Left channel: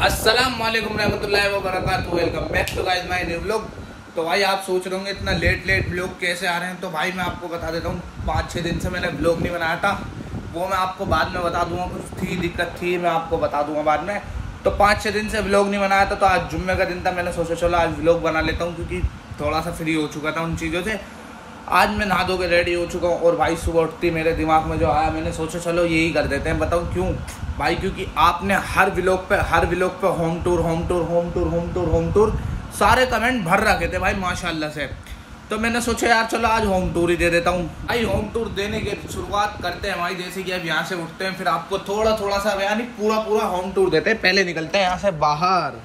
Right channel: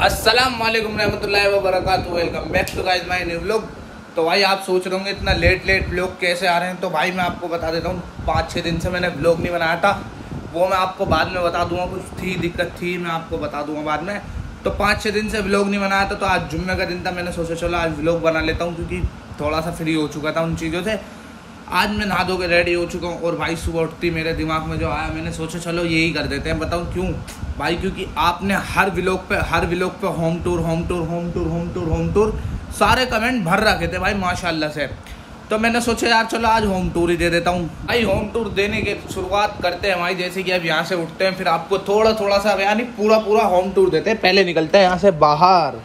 अस्सलाम वालेकुम रहमतुल्लाहि व बरकातुहू। Welcome back to guys my new vlog. तो भाई आप सोच रहे होंगे इतना लेट व्लॉग कैसे आ रहे हैं। तो भाई मैं आपको बता देता हूँ, 5-6 दिन से मैंने व्लॉग नहीं बनाया था। वो मैं आपको बाद में बता दूंगा, कुछ थी दिक्कत थी, मैं आपको बता दूंगा बाद में। तो 5-6 दिन से व्लॉग नहीं बनाया था। तो आज जुम्मे का दिन था, मैंने सोचा चलो आज व्लॉग बना लेता हूँ, क्योंकि थोड़ा सा फ्री हो चुका था उन चीज़ों से। आज मैं नहा धो के रेडी हो चुका हूँ और भाई सुबह उठती मेरे दिमाग में जो आया, मैंने सोचा चलो यही कर देते हैं। बताऊँ क्यों भाई? क्योंकि आपने हर व्लॉग पे होम टूर सारे कमेंट भर रखे थे भाई माशाल्लाह से। तो मैंने सोचा यार चलो आज होम टूर ही दे देता हूँ। भाई होम टूर देने की शुरुआत करते हैं भाई, जैसे कि अब यहाँ से उठते हैं, फिर आपको थोड़ा सा यानी पूरा होम टूर देते हैं। पहले निकलते हैं यहाँ से बाहर।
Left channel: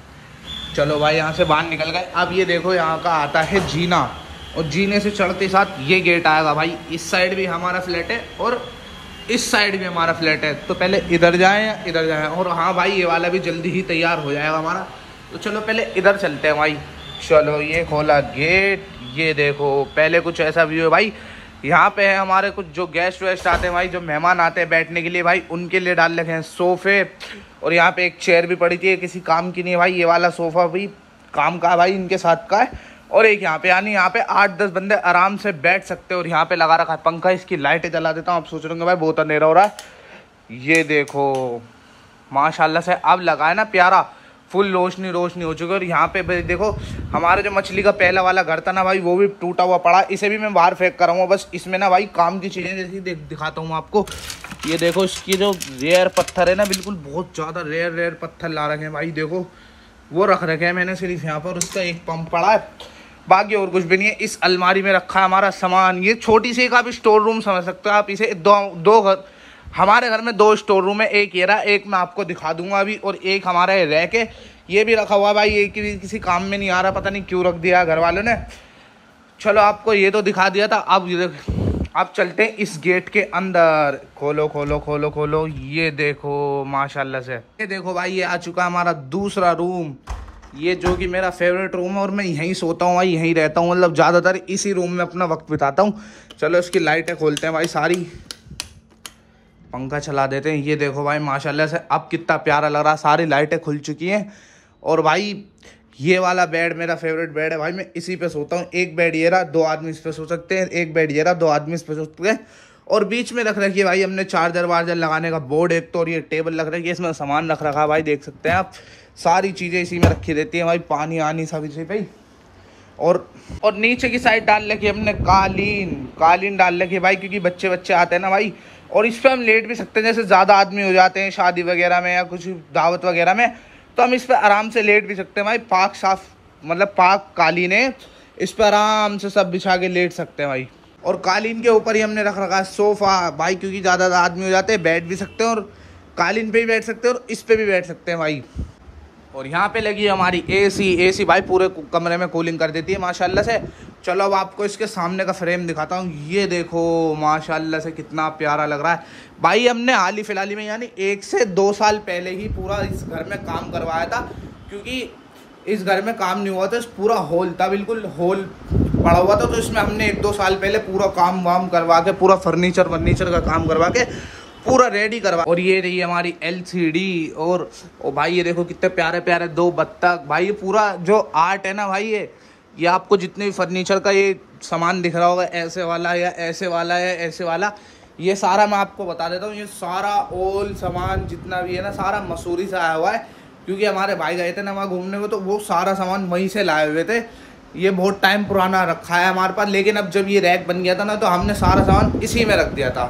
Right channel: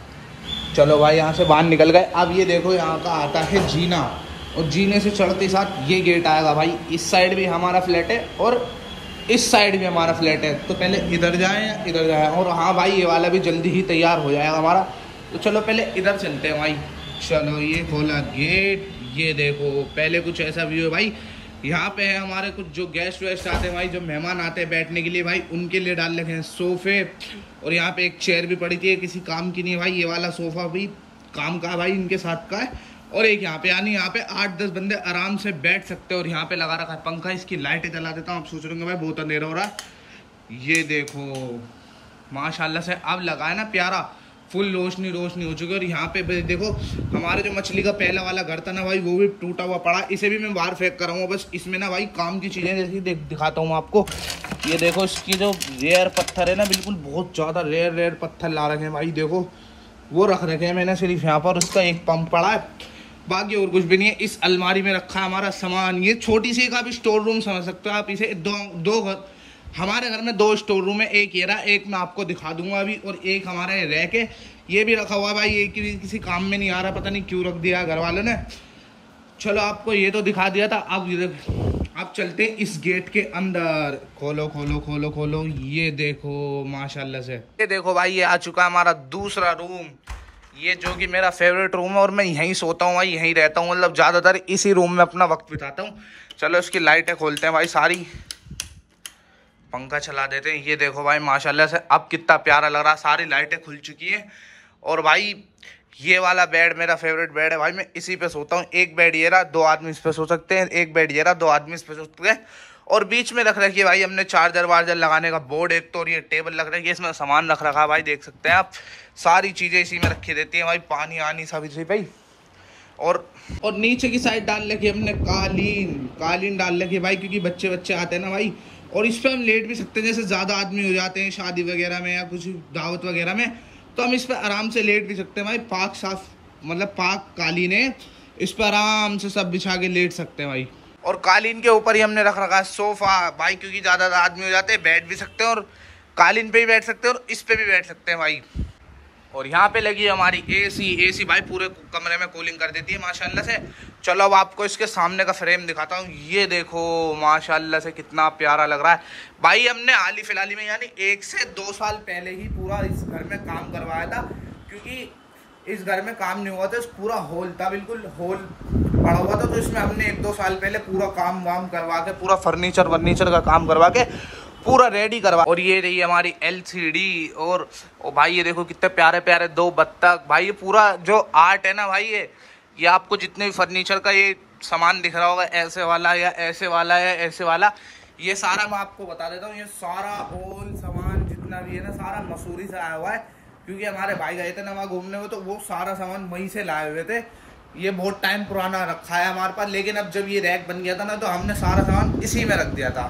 चलो भाई यहाँ से बाहर निकल गए। अब ये देखो यहाँ का आता है जीना, और जीने से चढ़ते साथ ये गेट आएगा भाई। इस साइड भी हमारा फ्लैट है और इस साइड भी हमारा फ्लैट है। तो पहले इधर जाएं या इधर जाएं। और हाँ भाई ये वाला भी जल्दी ही तैयार हो जाएगा हमारा। तो चलो पहले इधर चलते हैं भाई। चलो ये खोला गेट, ये देखो पहले कुछ ऐसा व्यू है भाई। यहाँ पे है हमारे कुछ जो गेस्ट वेस्ट आते हैं भाई, जो मेहमान आते हैं बैठने के लिए भाई, उनके लिए डाल रखे हैं सोफे। और यहाँ पे एक चेयर भी पड़ी थी, किसी काम की नहीं है भाई। ये वाला सोफा भी काम का भाई, इनके साथ का है। और एक यहाँ पे यानी यहाँ पे 8-10 बंदे आराम से बैठ सकते हैं। और यहाँ पे लगा रखा है पंखा, इसकी लाइटें जला देता हूँ। आप सोच रहे होंगे भाई बहुत अंधेरा हो रहा है। ये देखो माशाल्लाह से अब लगा है ना प्यारा, फुल रोशनी हो चुकी है। और यहाँ पे देखो हमारे जो मछली का पहला वाला घर था ना भाई, वो भी टूटा हुआ पड़ा। इसे भी मैं बाहर फेंक कर रहा हूँ। बस इसमें ना भाई काम की चीज़ें जैसी दिखाता हूँ आपको। ये देखो इसकी जो रेयर पत्थर है ना, बिल्कुल बहुत ज़्यादा रेयर पत्थर ला रखे हैं भाई। देखो वो रख रखे हैं मैंने सिर्फ यहाँ पर। उसका एक पंप पड़ा है, बाकी और कुछ भी नहीं है। इस अलमारी में रखा है हमारा सामान। ये छोटी सी का भी स्टोर रूम समझ सकते हो आप इसे। दो घर हमारे घर में 2 स्टोर रूम है। एक ये रहा, एक मैं आपको दिखा दूंगा अभी, और एक हमारा रह के ये भी रखा हुआ है भाई। ये किसी काम में नहीं आ रहा, पता नहीं क्यों रख दिया घर वालों ने। चलो आपको ये तो दिखा दिया था। अब चलते हैं इस गेट के अंदर। खोलो। ये देखो माशाल्लाह से, ये देखो भाई ये आ चुका है हमारा दूसरा रूम। ये जो कि मेरा फेवरेट रूम है और मैं यहीं सोता हूँ भाई, यहीं रहता हूँ। मतलब ज़्यादातर इसी रूम में अपना वक्त बिताता हूँ। चलो इसकी लाइटें खोलते हैं भाई सारी, पंखा चला देते हैं। ये देखो भाई माशाल्लाह से अब कितना प्यारा लग रहा है। सारी लाइटें खुल चुकी हैं। और भाई ये वाला बेड मेरा फेवरेट बेड है भाई, मैं इसी पे सोता हूँ। एक बेड ये रहा, 2 आदमी इस पे सो सकते हैं। एक बेड ये रहा, 2 आदमी इस पे सो सकते हैं। और बीच में रख रखी है भाई हमने चार्जर वार्जर लगाने का बोर्ड एक तो। और ये टेबल रख रखी है, इसमें सामान रख रखा है भाई, देख सकते हैं आप। सारी चीज़ें इसी में रखी रहती हैं भाई, पानी आनी सब इसी भाई। और नीचे की साइड डाल रखी है हमने कालीन डाल रखी है भाई, क्योंकि बच्चे आते हैं ना भाई। और इस पर हम लेट भी सकते हैं, जैसे ज़्यादा आदमी हो जाते हैं शादी वगैरह में या कुछ दावत वगैरह में, तो हम इस पर आराम से लेट भी सकते हैं भाई। पाक कालीन है, इस पर आराम से सब बिछा के लेट सकते हैं भाई। और कालीन के ऊपर ही हमने रख रखा है सोफ़ा भाई, क्योंकि ज़्यादा आदमी हो जाते हैं, बैठ भी सकते हैं। और कालीन पे भी बैठ सकते हैं और इस पे भी बैठ सकते हैं भाई। और यहाँ पे लगी है हमारी एसी भाई, पूरे कमरे में कूलिंग कर देती है माशाल्लाह से। चलो अब आपको इसके सामने का फ्रेम दिखाता हूँ। ये देखो माशाल्लाह से कितना प्यारा लग रहा है भाई। हमने हाल ही फिलहाल में यानी 1 से 2 साल पहले ही पूरा इस घर में काम करवाया था, क्योंकि इस घर में काम नहीं हुआ था। पूरा हॉल था, बिल्कुल हॉल पड़ा हुआ था। तो इसमें हमने 1-2 साल पहले पूरा काम वाम करवा के, पूरा फर्नीचर का काम करवा के पूरा रेडी करवा। और ये रही हमारी LCD। और भाई ये देखो कितने प्यारे 2 बत्तख भाई। ये पूरा जो आर्ट है ना भाई, ये आपको जितने भी फर्नीचर का ये सामान दिख रहा होगा, ऐसे वाला या ऐसे वाला या ऐसे वाला, ये सारा मैं आपको बता देता हूँ। ये सारा ऑल सामान जितना भी है ना, सारा मसूरी से आया हुआ है। क्योंकि हमारे भाई गए थे ना वहाँ घूमने में, तो वो सारा सामान वहीं से लाए हुए थे। ये बहुत टाइम पुराना रखा है हमारे पास, लेकिन अब जब ये रैक बन गया था ना, तो हमने सारा सामान इसी में रख दिया था।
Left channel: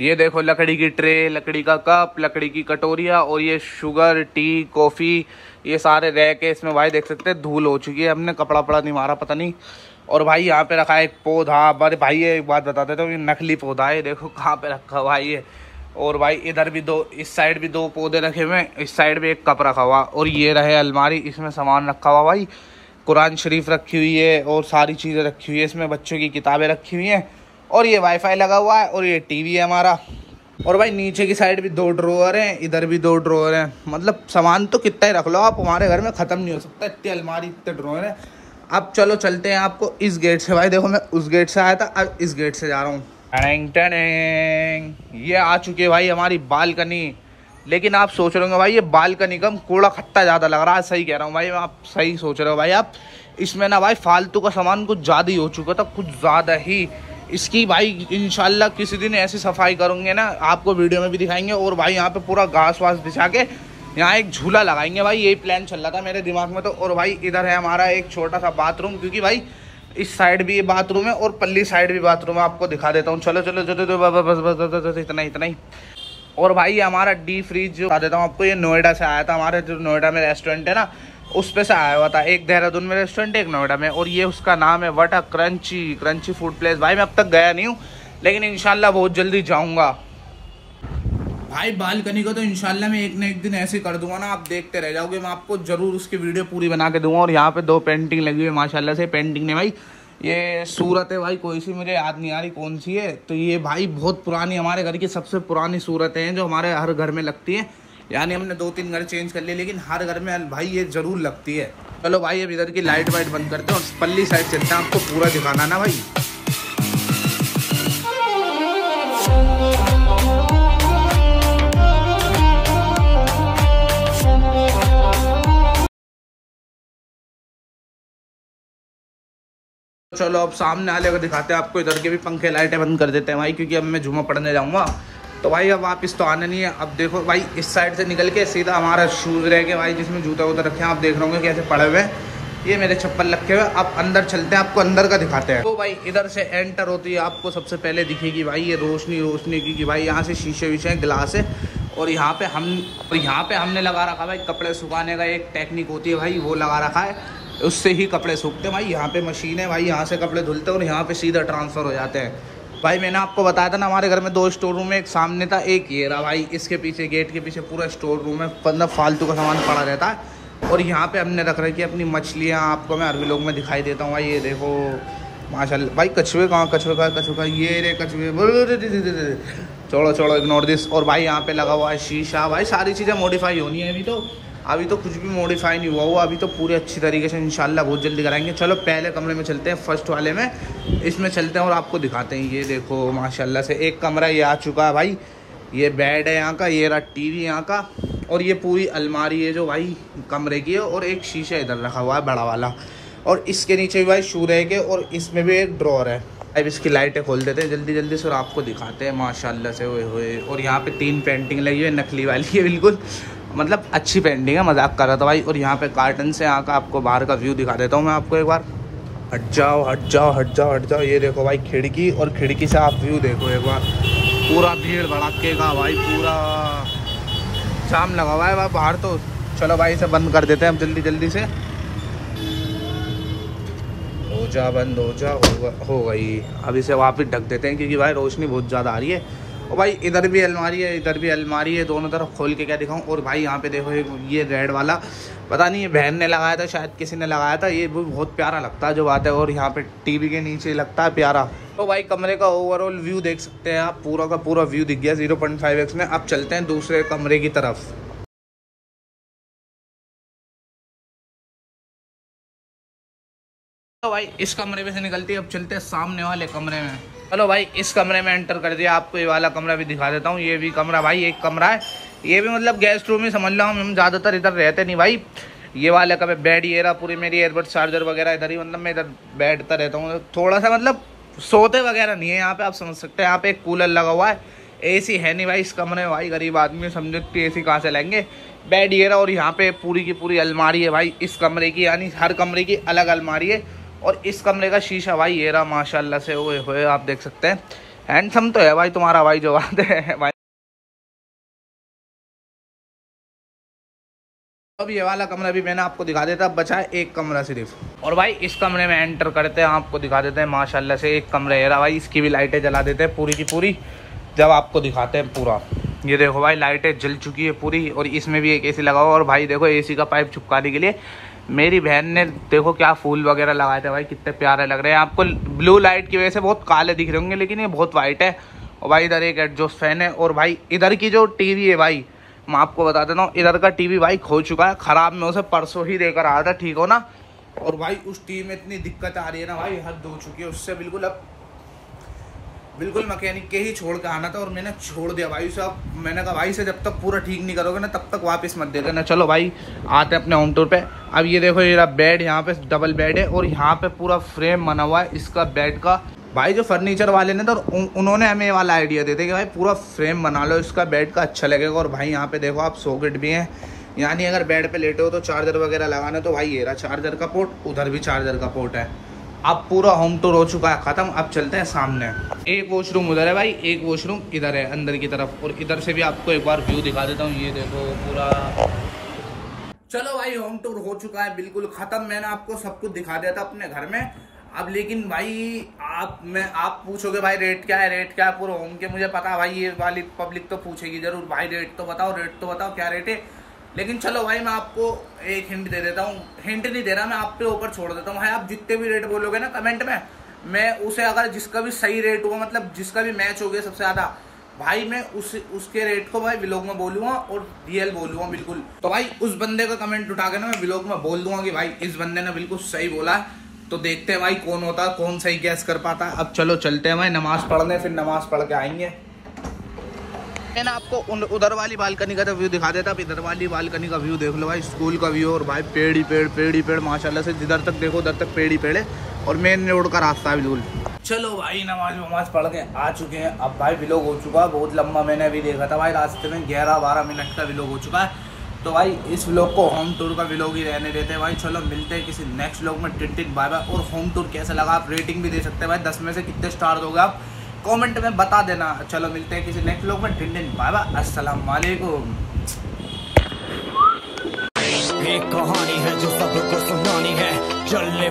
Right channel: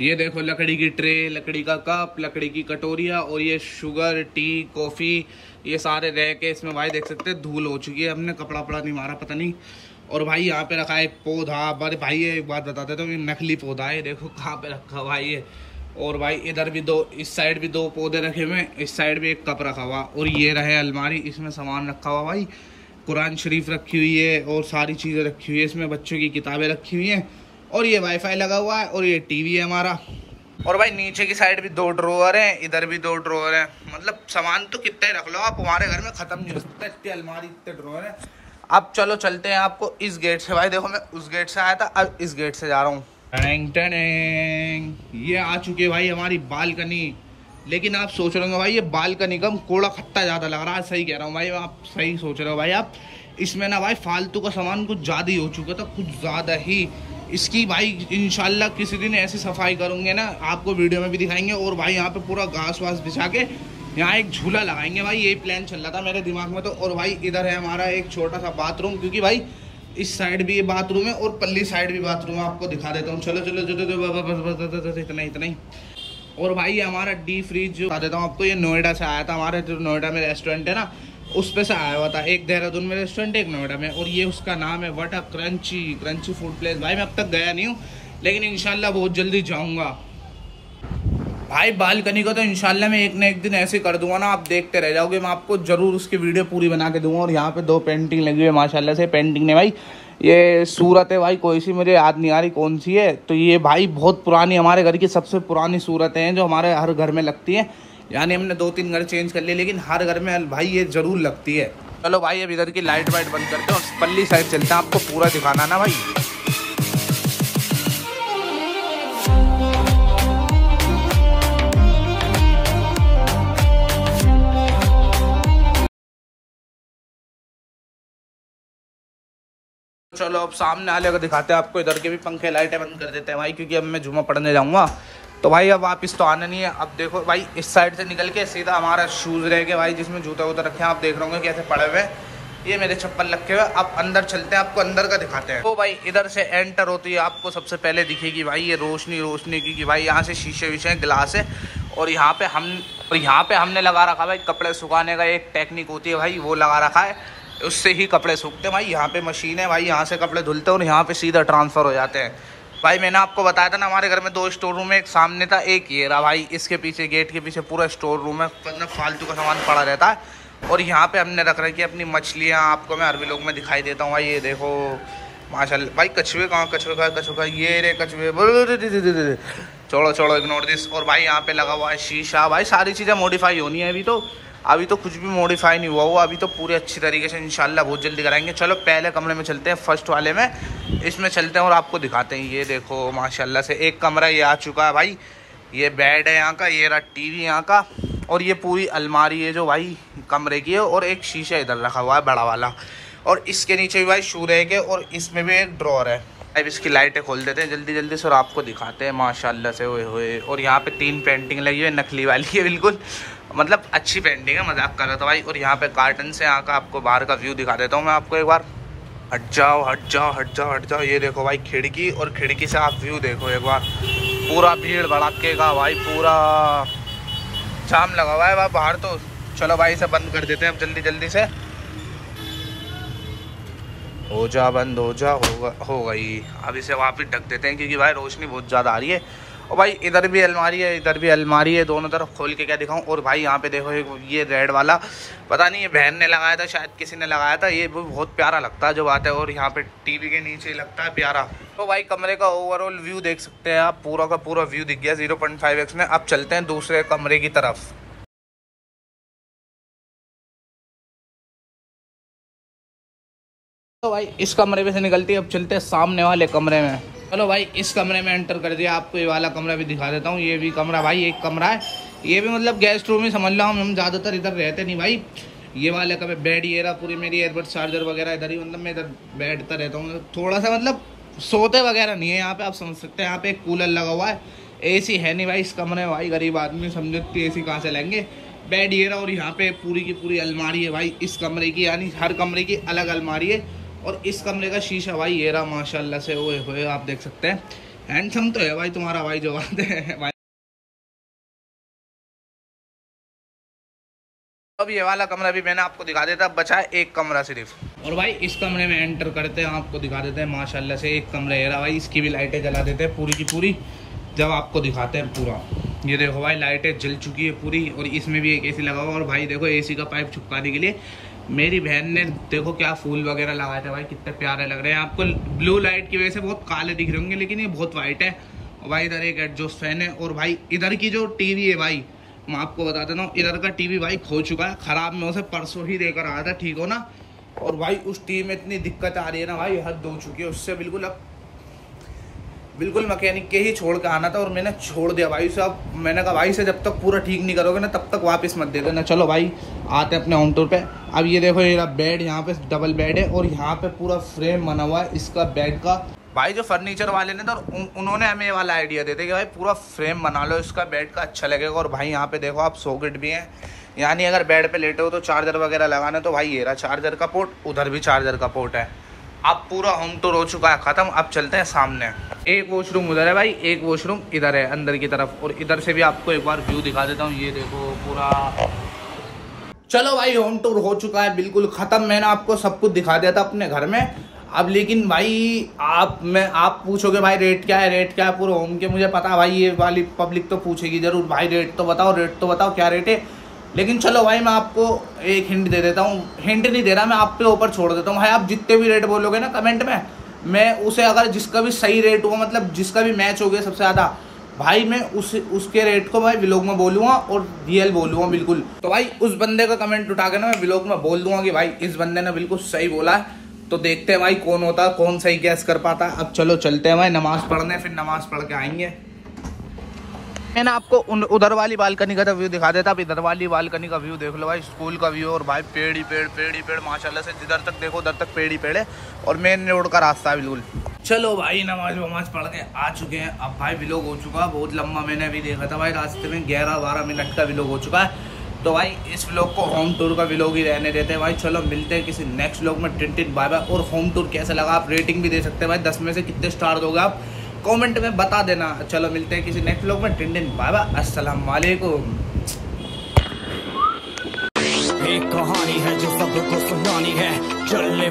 ये देखो लकड़ी की ट्रे, लकड़ी का कप, लकड़ी की कटोरियाँ, और ये शुगर, टी, कॉफ़ी, ये सारे रैक है। इसमें भाई देख सकते हैं धूल हो चुकी है, हमने कपड़ा नहीं मारा पता नहीं। और भाई यहाँ पे रखा है एक पौधा। अरे भाई ये एक बात बता देता हूँ, ये नकली पौधा है, देखो कहाँ पे रखा हुआ है ये। और भाई इधर भी 2, इस साइड भी 2 पौधे रखे हुए हैं, इस साइड भी एक कप रखा हुआ। और ये रहे अलमारी, इसमें सामान रखा हुआ भाई, कुरान शरीफ रखी हुई है और सारी चीज़ें रखी हुई है। इसमें बच्चों की किताबें रखी हुई हैं। और ये वाईफाई लगा हुआ है, और ये टीवी है हमारा। और भाई नीचे की साइड भी 2 ड्रॉअर हैं, इधर भी 2 ड्रॉअर हैं। मतलब सामान तो कितना ही रख लो आप, हमारे घर में ख़त्म नहीं हो सकता, इतनी अलमारी, इतने ड्रॉअर हैं। अब चलो चलते हैं आपको इस गेट से। भाई देखो मैं उस गेट से आया था, अब इस गेट से जा रहा हूँ। ये आ चुकी है भाई हमारी बालकनी। लेकिन आप सोच रहे होंगे भाई ये बालकनी का कूड़ा खत्ता ज़्यादा लग रहा है। सही कह रहा हूँ भाई, आप सही सोच रहे हो भाई। आप इसमें ना भाई फालतू का सामान कुछ ज़्यादा ही हो चुका था, कुछ ज़्यादा ही। इसकी भाई इंशाल्लाह किसी दिन ऐसी सफाई करूँगे ना, आपको वीडियो में भी दिखाएंगे। और भाई यहाँ पे पूरा घास वास बिछा के यहाँ एक झूला लगाएंगे भाई, यही प्लान चल रहा था मेरे दिमाग में तो। और भाई इधर है हमारा एक छोटा सा बाथरूम, क्योंकि भाई इस साइड भी ये बाथरूम है और पल्ली साइड भी बाथरूम है। आपको दिखा देता हूँ, चलो चलो चलो चलो, बस इतना ही। और भाई हमारा डी फ्रीज जो बता देता हूँ आपको, ये नोएडा से आया था। हमारे जो नोएडा में रेस्टोरेंट है ना, उस पे से आया हुआ था। एक देहरादून में रेस्टोरेंट, एक नोएडा में, और ये उसका नाम है वटा क्रंची फूड प्लेस। भाई मैं अब तक गया नहीं हूँ, लेकिन इंशाल्लाह बहुत जल्दी जाऊँगा भाई। बालकनी को तो इंशाल्लाह मैं एक ना एक दिन ऐसे कर दूंगा ना, आप देखते रह जाओगे। मैं आपको जरूर उसकी वीडियो पूरी बना के दूंगा। और यहाँ पे 2 पेंटिंग लगी हुई है माशाल्लाह से। पेंटिंग ने भाई ये सूरत है भाई, कोई सी मुझे याद नहीं आ रही कौन सी है। तो ये भाई बहुत पुरानी, हमारे घर की सबसे पुरानी सूरतें हैं जो हमारे हर घर में लगती है। यानी हमने 2-3 घर चेंज कर लिए, लेकिन हर घर में भाई ये जरूर लगती है। चलो भाई अब इधर की लाइट वाइट बंद करते हैं और पल्ली साइड चलते हैं, आपको पूरा दिखाना ना भाई। चलो अब सामने वाले को दिखाते हैं आपको। इधर के भी पंखे लाइटें बंद कर देते हैं भाई, क्योंकि अब मैं जुमा पढ़ने जाऊंगा। तो भाई अब वापस तो आना नहीं है। अब देखो भाई इस साइड से निकल के सीधा हमारा शूज़ रह गए भाई, जिसमें जूता वूता रखे हैं। आप देख रहे होंगे कैसे पड़े हुए हैं, ये मेरे चप्पल रखे हुए। अब अंदर चलते हैं, आपको अंदर का दिखाते हैं। तो भाई इधर से एंटर होती है, आपको सबसे पहले दिखेगी भाई ये रोशनी की भाई यहाँ से शीशे विशे ग्लास है। और यहाँ पे हमने लगा रखा भाई कपड़े सुखाने का एक टेक्निक होती है भाई, वो लगा रखा है, उससे ही कपड़े सूखते हैं भाई। यहाँ पे मशीन है भाई, यहाँ से कपड़े धुलते हैं और यहाँ पे सीधा ट्रांसफ़र हो जाते हैं भाई। मैंने आपको बताया था ना, हमारे घर में 2 स्टोर रूम है, एक सामने था, एक ये रहा भाई। इसके पीछे गेट के पीछे पूरा स्टोर रूम है, मतलब फालतू का सामान पड़ा रहता है। और यहाँ पे हमने रख रखी है अपनी मछलियाँ। आपको मैं हर व्लॉग में दिखाई देता हूँ भाई। ये देखो माशाल्लाह भाई, कछुए कहाँ, कछुए ये रे कछुए, छोड़ो इग्नोर दिस। और भाई यहाँ पे लगा हुआ है शीशा भाई। सारी चीज़ें मॉडिफाई होनी है अभी तो कुछ भी मॉडिफाई नहीं हुआ वो, अभी तो पूरे अच्छी तरीके से इंशाल्लाह बहुत जल्दी कराएंगे। चलो पहले कमरे में चलते हैं, फर्स्ट वाले में, इसमें चलते हैं और आपको दिखाते हैं। ये देखो माशाल्लाह से एक कमरा ये आ चुका है भाई। ये बेड है यहाँ का, ये रहा टीवी यहाँ का, और ये पूरी अलमारी है जो भाई कमरे की है। और एक शीशा इधर रखा हुआ है बड़ा वाला, और इसके नीचे भी भाई शू रहेंगे, और इसमें भी एक ड्रॉर है। अब इसकी लाइटें खोल देते हैं जल्दी से और आपको दिखाते हैं माशाल्लाह से। हुए और यहाँ पे 3 पेंटिंग लगी हुई है, नकली वाली है बिल्कुल, मतलब अच्छी पेंटिंग है, मजाक कर रहा था भाई। और यहाँ पे कार्टन से यहाँ का आपको बाहर का व्यू दिखा देता हूँ मैं आपको एक बार। हट जाओ। ये देखो भाई खिड़की, और खिड़की से आप व्यू देखो एक बार। पूरा भीड़ भड़ाके का भाई, पूरा जाम लगा हुआ है बाहर तो। चलो भाई इसे बंद कर देते हैं अब जल्दी से। हो जा बंद, हो गई। अब इसे वापस ढक देते हैं, क्योंकि भाई रोशनी बहुत ज़्यादा आ रही है। और भाई इधर भी अलमारी है, इधर भी अलमारी है, दोनों तरफ खोल के क्या दिखाऊं। और भाई यहाँ पे देखो ये रेड वाला, पता नहीं ये बहन ने लगाया था, शायद किसी ने लगाया था। ये बहुत प्यारा लगता है जो बात है। और यहाँ पे टीवी के नीचे लगता है प्यारा। तो भाई कमरे का ओवरऑल व्यू देख सकते हैं आप, पूरा का पूरा व्यू दिख गया 0.5x में। अब चलते हैं दूसरे कमरे की तरफ। तो भाई इस कमरे में से निकलती है, अब चलते हैं सामने वाले कमरे में। चलो भाई इस कमरे में एंटर कर दिया, आपको ये वाला कमरा भी दिखा देता हूँ। ये भी कमरा भाई एक कमरा है, ये भी मतलब गेस्ट रूम ही समझ लो। हम ज़्यादातर इधर रहते नहीं भाई। ये वाले का बेड, ये रहा पूरी मेरी एयरबड चार्जर वगैरह इधर ही, मतलब मैं इधर बैठता रहता हूँ थोड़ा सा, मतलब सोते वगैरह नहीं है यहाँ पे, आप समझ सकते हैं। यहाँ पे एक कूलर लगा हुआ है, एसी है नहीं भाई इस कमरे में भाई। गरीब आदमी समझो कि एसी कहाँ से लाएंगे। बेड ये रहा, और यहाँ पे पूरी की पूरी अलमारी है भाई इस कमरे की, यानी हर कमरे की अलग अलमारी है। और इस कमरे का शीशा भाई ये रहा माशाल्लाह से। ओए आप देख सकते हैं, हैंडसम तो है भाई तुम्हारा भाई जो बात है भाई। अब ये वाला कमरा भी मैंने आपको दिखा देता, बचा है एक कमरा सिर्फ। और भाई इस कमरे में एंटर करते हैं, आपको दिखा देते हैं माशाल्लाह से एक कमरा ये रहा भाई। इसकी भी लाइटें जला देते हैं पूरी की पूरी, जब आपको दिखाते हैं पूरा। ये देखो भाई लाइटें जल चुकी है पूरी, और इसमें भी एक एसी लगा हुआ। और भाई देखो एसी का पाइप चिपकाने के लिए मेरी बहन ने देखो क्या फूल वगैरह लगाए थे भाई, कितने प्यारे लग रहे हैं। आपको ब्लू लाइट की वजह से बहुत काले दिख रहे होंगे, लेकिन ये बहुत वाइट है। और भाई इधर एक एडजस्ट फैन है। और भाई इधर की जो टीवी है भाई, मैं आपको बता देता हूँ, इधर का टीवी भाई खो चुका है, ख़राब। मैं उसे परसों ही देकर आया था, ठीक हो ना। और भाई उस टीवी में इतनी दिक्कत आ रही है ना भाई, हद हो चुकी है उससे बिल्कुल। अब बिल्कुल मैकेनिक के ही छोड़ के आना था और मैंने छोड़ दिया भाई साहब। मैंने कहा भाई से जब तक पूरा ठीक नहीं करोगे ना तब तक वापस मत दे देना। चलो भाई आते हैं अपने होम टूर पे। अब ये देखो ये बेड, यहाँ पे डबल बेड है और यहाँ पे पूरा फ्रेम बना हुआ है इसका बेड का। भाई जो फर्नीचर वाले ने तो उन्होंने हमें ये वाला आइडिया देते कि भाई पूरा फ्रेम बना लो इसका बेड का, अच्छा लगेगा। और भाई यहाँ पे देखो आप सॉकेट भी हैं, यानी अगर बेड पे लेटे हो तो चार्जर वगैरह लगाना, तो भाई ये रहा चार्जर का पोर्ट, उधर भी चार्जर का पोर्ट है। अब पूरा होम टूर हो चुका है खत्म। अब चलते हैं सामने। एक वॉशरूम उधर है भाई, एक वॉशरूम इधर है अंदर की तरफ, और इधर से भी आपको एक बार व्यू दिखा देता हूँ। ये देखो पूरा। चलो भाई होम टूर हो चुका है बिल्कुल खत्म। मैंने आपको सब कुछ दिखा दिया था अपने घर में। अब लेकिन भाई आप पूछोगे भाई रेट क्या है, रेट क्या है पूरे होम के। मुझे पता भाई ये वाली पब्लिक तो पूछेगी जरूर, भाई रेट तो बताओ क्या रेट है। लेकिन चलो भाई मैं आपको एक हिंट दे देता हूँ, हिंट नहीं दे रहा मैं, आप पे ऊपर छोड़ देता हूँ भाई। आप जितने भी रेट बोलोगे ना कमेंट में, मैं उसे अगर जिसका भी सही रेट हुआ, मतलब जिसका भी मैच हो गया सबसे ज़्यादा, भाई मैं उसके रेट को भाई व्लॉग में बोलूँगा और रियल बोलूँगा बिल्कुल। तो भाई उस बंदे का कमेंट उठा के ना मैं व्लॉग में बोल दूंगा कि भाई इस बंदे ने बिल्कुल सही बोला है। तो देखते हैं भाई कौन होता है, कौन सही गैस कर पाता है। अब चलो चलते हैं भाई नमाज पढ़ने, फिर नमाज पढ़ के आएंगे। मैंने आपको उधर वाली बालकनी का व्यू दिखा देता, अब इधर वाली बालकनी का व्यू देख लो भाई, स्कूल का व्यू। और भाई पेड़ ही पेड़ माशाल्लाह से, जिधर तक देखो उधर तक पेड़ ही पेड़ है, और मेन रोड का रास्ता है बिल्कुल। चलो भाई नमाज पढ़ के आ चुके हैं। अब भाई व्लॉग हो चुका है बहुत लंबा, मैंने अभी देखा था भाई रास्ते में 11-12 मिनट का व्लॉग हो चुका है। तो भाई इस व्लॉग को होम टूर का व्लॉग ही रहने देते हैं भाई। चलो मिलते हैं किसी नेक्स्ट व्लॉग में। टिन बाय बाय। और होम टूर कैसा लगा आप रेटिंग भी दे सकते हैं भाई, 10 में से कितने स्टार दोगे आप कमेंट में बता देना। चलो मिलते हैं किसी नेक्स्ट व्लॉग में। टिन बाय बाय, अस्सलाम वालेकुम। एक कहानी है जो सबको सुनानी है, चल